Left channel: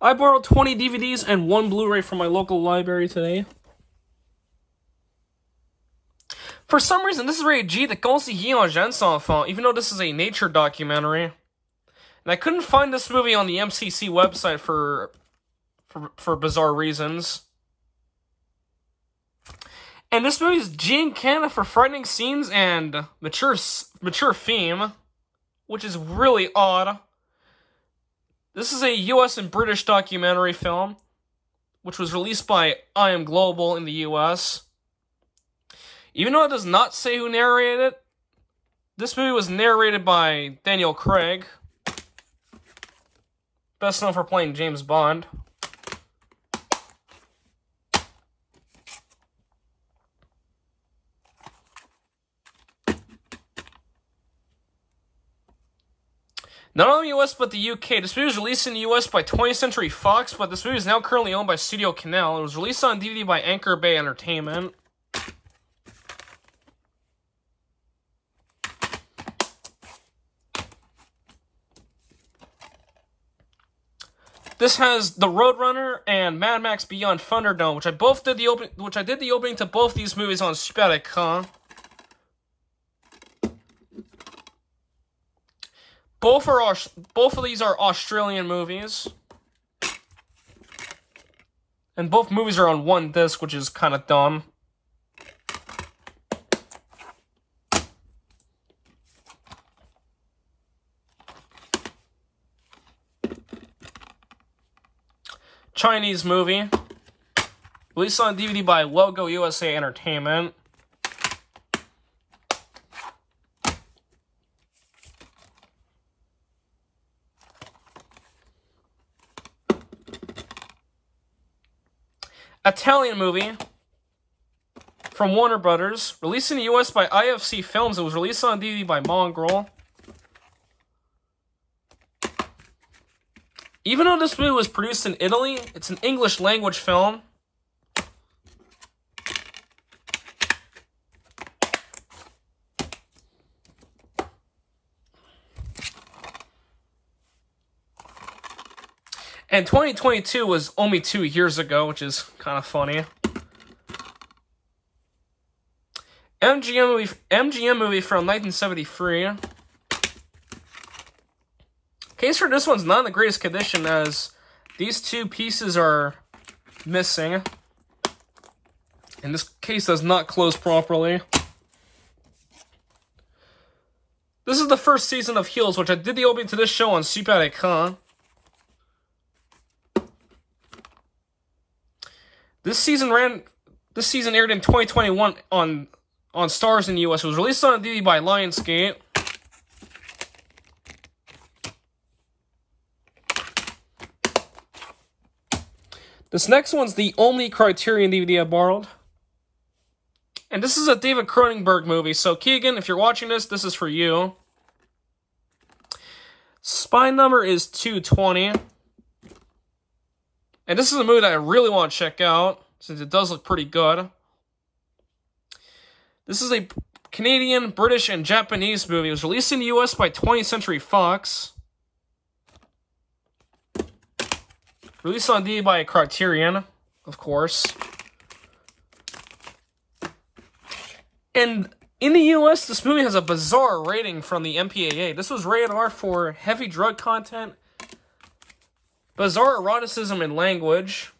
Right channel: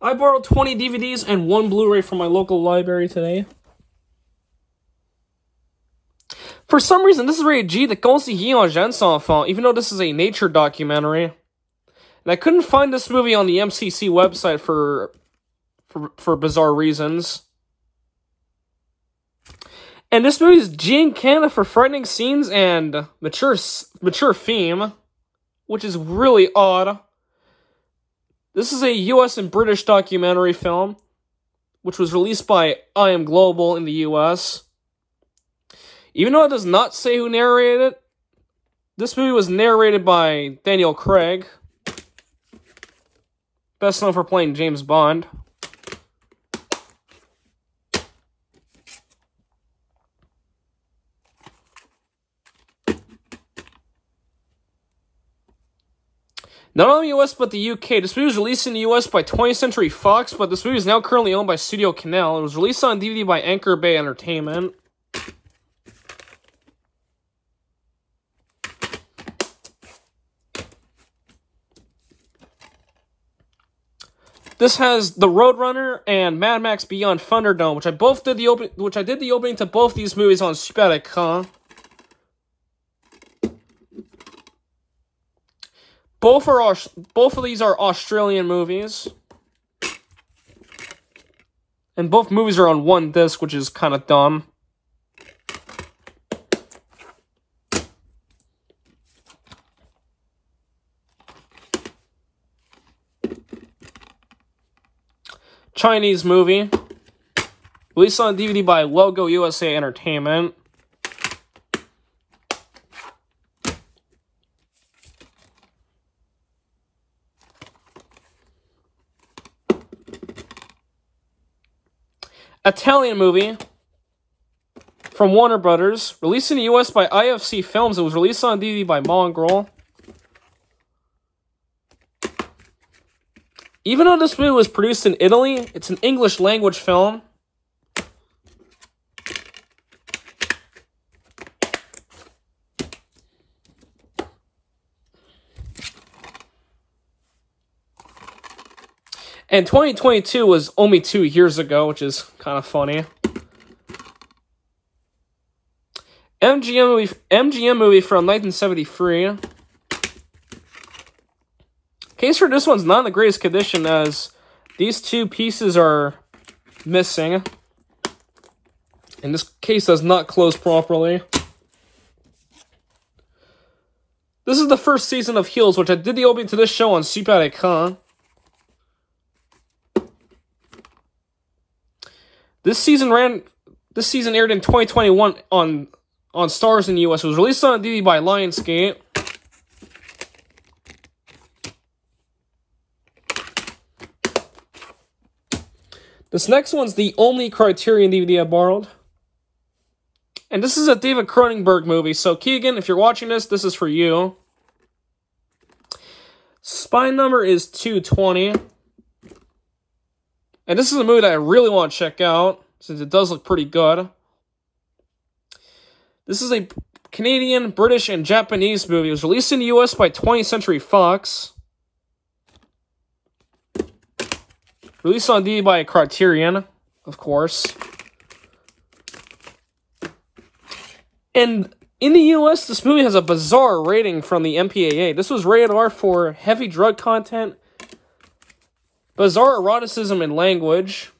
I borrowed 20 DVDs and 1 Blu-ray from my local library today. For some reason, this is rated G, the conseiller en jeunes enfants, even though this is a nature documentary. And I couldn't find this movie on the MCC website for bizarre reasons. And this movie is G in Canada for frightening scenes and mature theme, which is really odd. This is a US and British documentary film, which was released by I Am Global in the US. Even though it does not say who narrated it, this movie was narrated by Daniel Craig, best known for playing James Bond. Not only the US, but the UK. This movie was released in the US by 20th Century Fox, but this movie is now currently owned by Studio Canal. It was released on DVD by Anchor Bay Entertainment. This has The Roadrunner and Mad Max Beyond Thunderdome, which I did the opening to both these movies on Super Écran. Both of these are Australian movies. And both movies are on one disc, which is kind of dumb. Chinese movie. Released on DVD by Logo USA Entertainment. Italian movie from Warner Brothers. Released in the US by IFC Films. It was released on DVD by Mongrel. Even though this movie was produced in Italy, it's an English language film. And 2022 was only 2 years ago, which is kind of funny. MGM movie from 1973. Case for this one's not in the greatest condition, as these two pieces are missing. And this case does not close properly. This is the first season of Heels, which I did the opening to this show on Super Écran. This season aired in 2021 on Stars in the US. It was released on DVD by Lionsgate. This next one's the only Criterion DVD I borrowed. And this is a David Cronenberg movie, so Keegan, if you're watching this, this is for you. Spine number is 220. And this is a movie that I really want to check out, since it does look pretty good. This is a Canadian, British, and Japanese movie. It was released in the US by 20th Century Fox. Released on DVD by Criterion, of course. And in the US, this movie has a bizarre rating from the MPAA. This was rated R for heavy drug content, bizarre eroticism and language.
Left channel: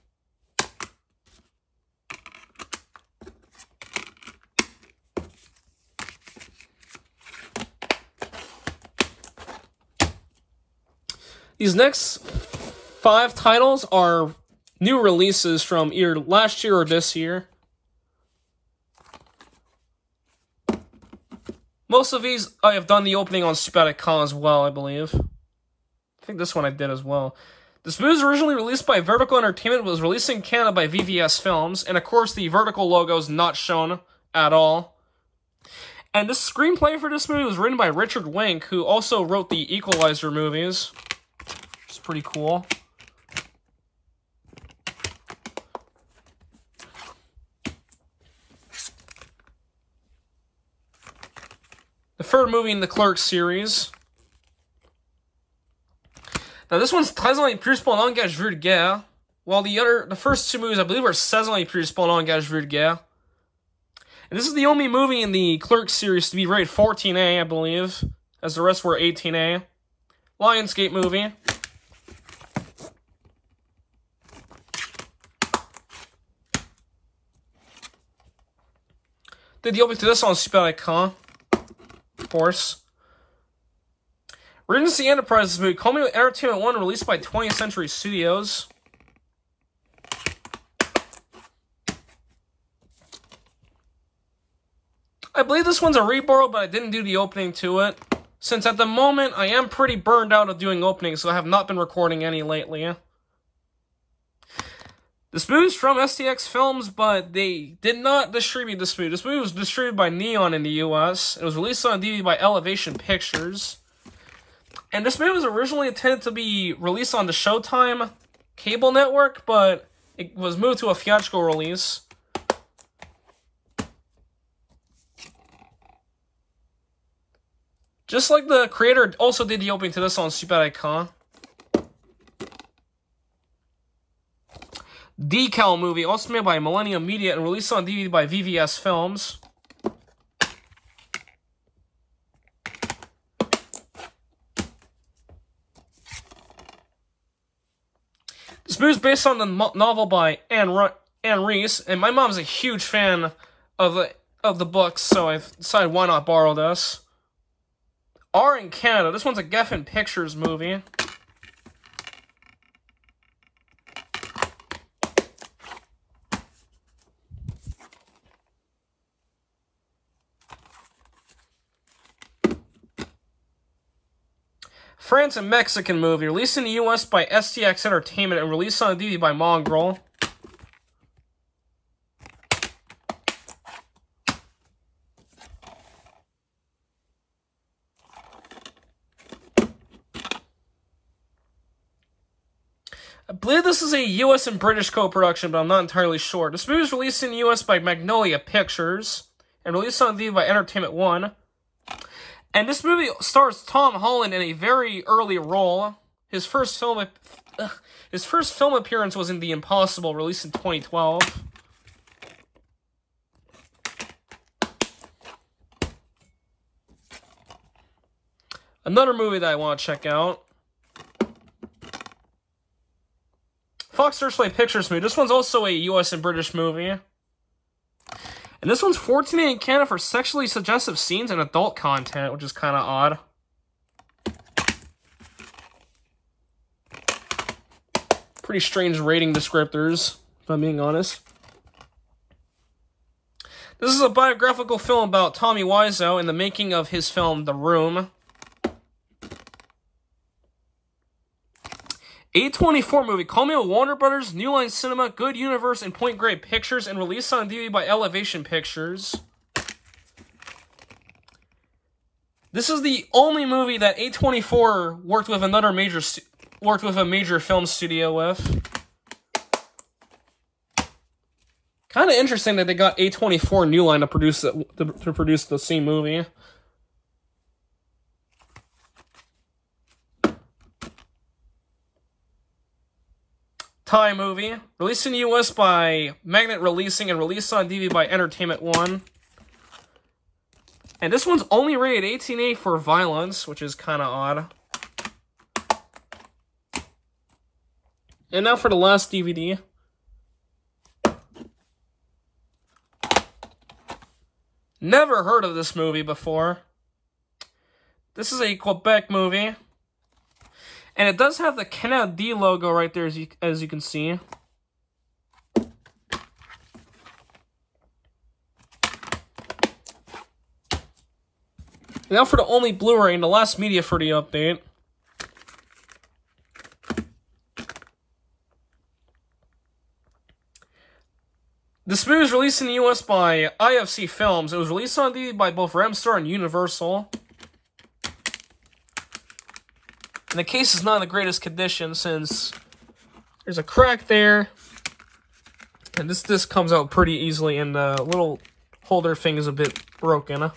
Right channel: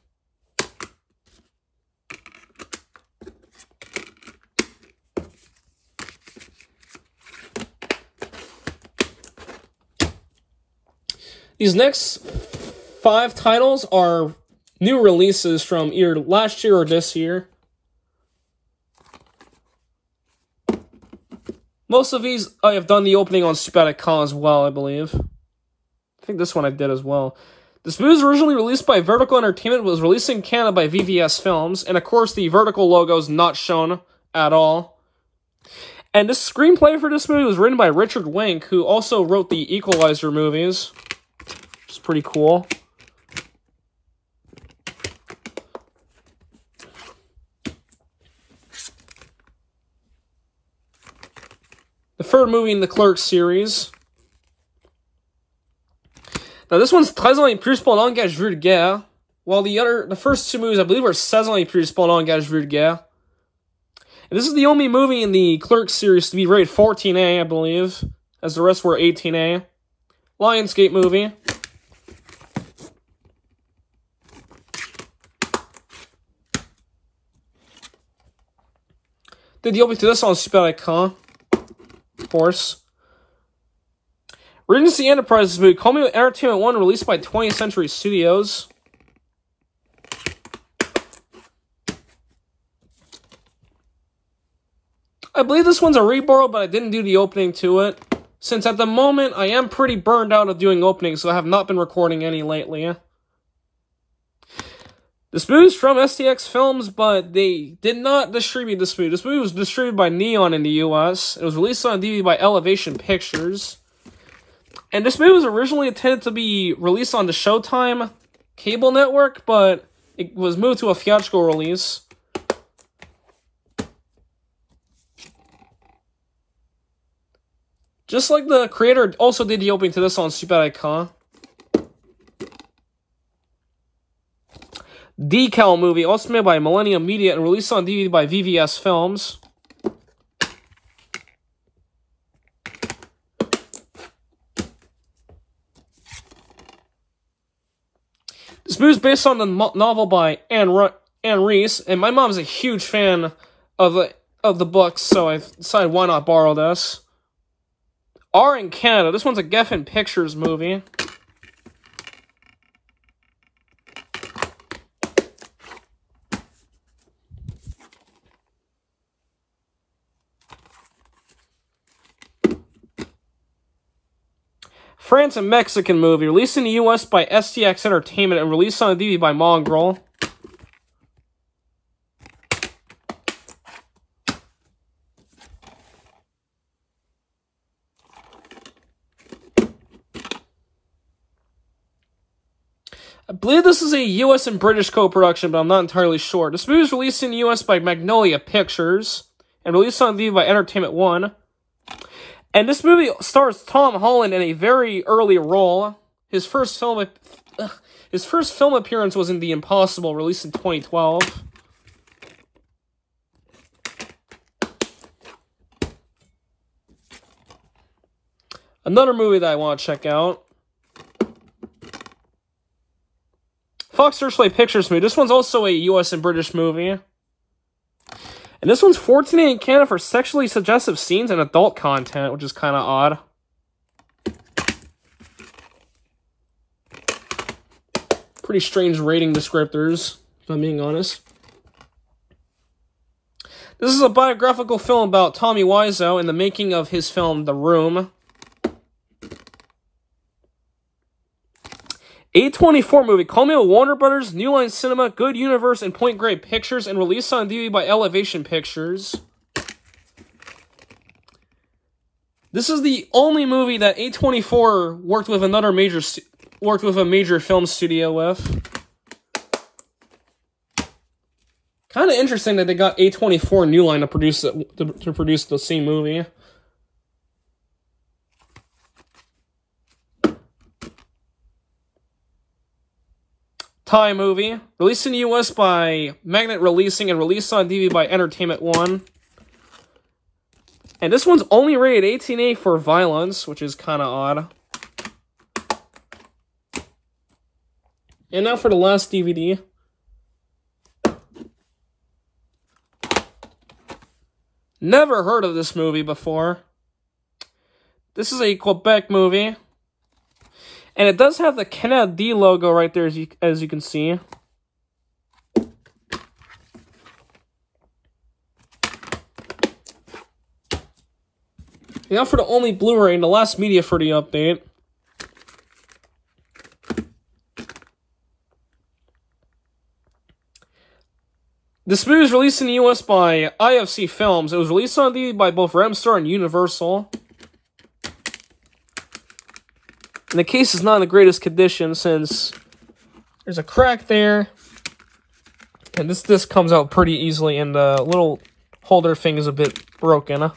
These next 5 titles are new releases from either last year or this year. Most of these I have done the opening on Super Écran as well, I believe. I think this one I did as well. This movie was originally released by Vertical Entertainment, but was released in Canada by VVS Films, and of course the Vertical logo is not shown at all. And the screenplay for this movie was written by Richard Wenk, who also wrote the Equalizer movies, which is pretty cool. The third movie in the Clerks series. Now this one's 13 ans plus pour langage vulgaire, while the first two movies I believe are 16 ans plus pour langage vulgaire. And this is the only movie in the Clerks series to be rated 14A, I believe, as the rest were 18A. Lionsgate movie. Did the opening to this on Super Écran, of course. Regency Enterprises movie, Call Me With Entertainment 1, released by 20th Century Studios. I believe this one's a reborrow, but I didn't do the opening to it, since at the moment I am pretty burned out of doing openings, so I have not been recording any lately. This movie is from STX Films, but they did not distribute this movie. This movie was distributed by Neon in the US. It was released on DVD by Elevation Pictures. And this movie was originally intended to be released on the Showtime cable network, but it was moved to a theatrical release. Just like the creator also did the opening to this on Super Écran. Decal movie, also made by Millennium Media and released on DVD by VVS Films. This movie is based on the novel by Anne Reese, and my mom's a huge fan of the books, so I decided why not borrow this. R in Canada. This one's a Geffen Pictures movie. France and Mexican movie, released in the US by STX Entertainment and released on DVD by Mongrel. I believe this is a US and British co-production, but I'm not entirely sure. This movie was released in the US by Magnolia Pictures and released on DVD by Entertainment One. And this movie stars Tom Holland in a very early role. His first film appearance was in The Impossible, released in 2012. Another movie that I want to check out. Fox Searchlight Pictures movie. This one's also a US and British movie. And this one's 14 in Canada for sexually suggestive scenes and adult content, which is kind of odd. Pretty strange rating descriptors, if I'm being honest. This is a biographical film about Tommy Wiseau and the making of his film, The Room. A24 movie, Call Me With Warner Brothers, New Line Cinema, Good Universe, and Point Grey Pictures, and released on DVD by Elevation Pictures. This is the only movie that A24 worked with a major film studio with. Kind of interesting that they got A24 New Line to produce the same movie. Thai movie, released in the US by Magnet Releasing and released on DVD by Entertainment One. And this one's only rated 18A for violence, which is kind of odd. And now for the last DVD. Never heard of this movie before. This is a Quebec movie. And it does have the Canada D logo right there, as you can see. Now for the only Blu-ray and the last media for the update. This movie was released in the US by IFC Films. It was released on DVD by both Remstar and Universal. And the case is not in the greatest condition since there's a crack there. And this disc comes out pretty easily and the little holder thing is a bit broken.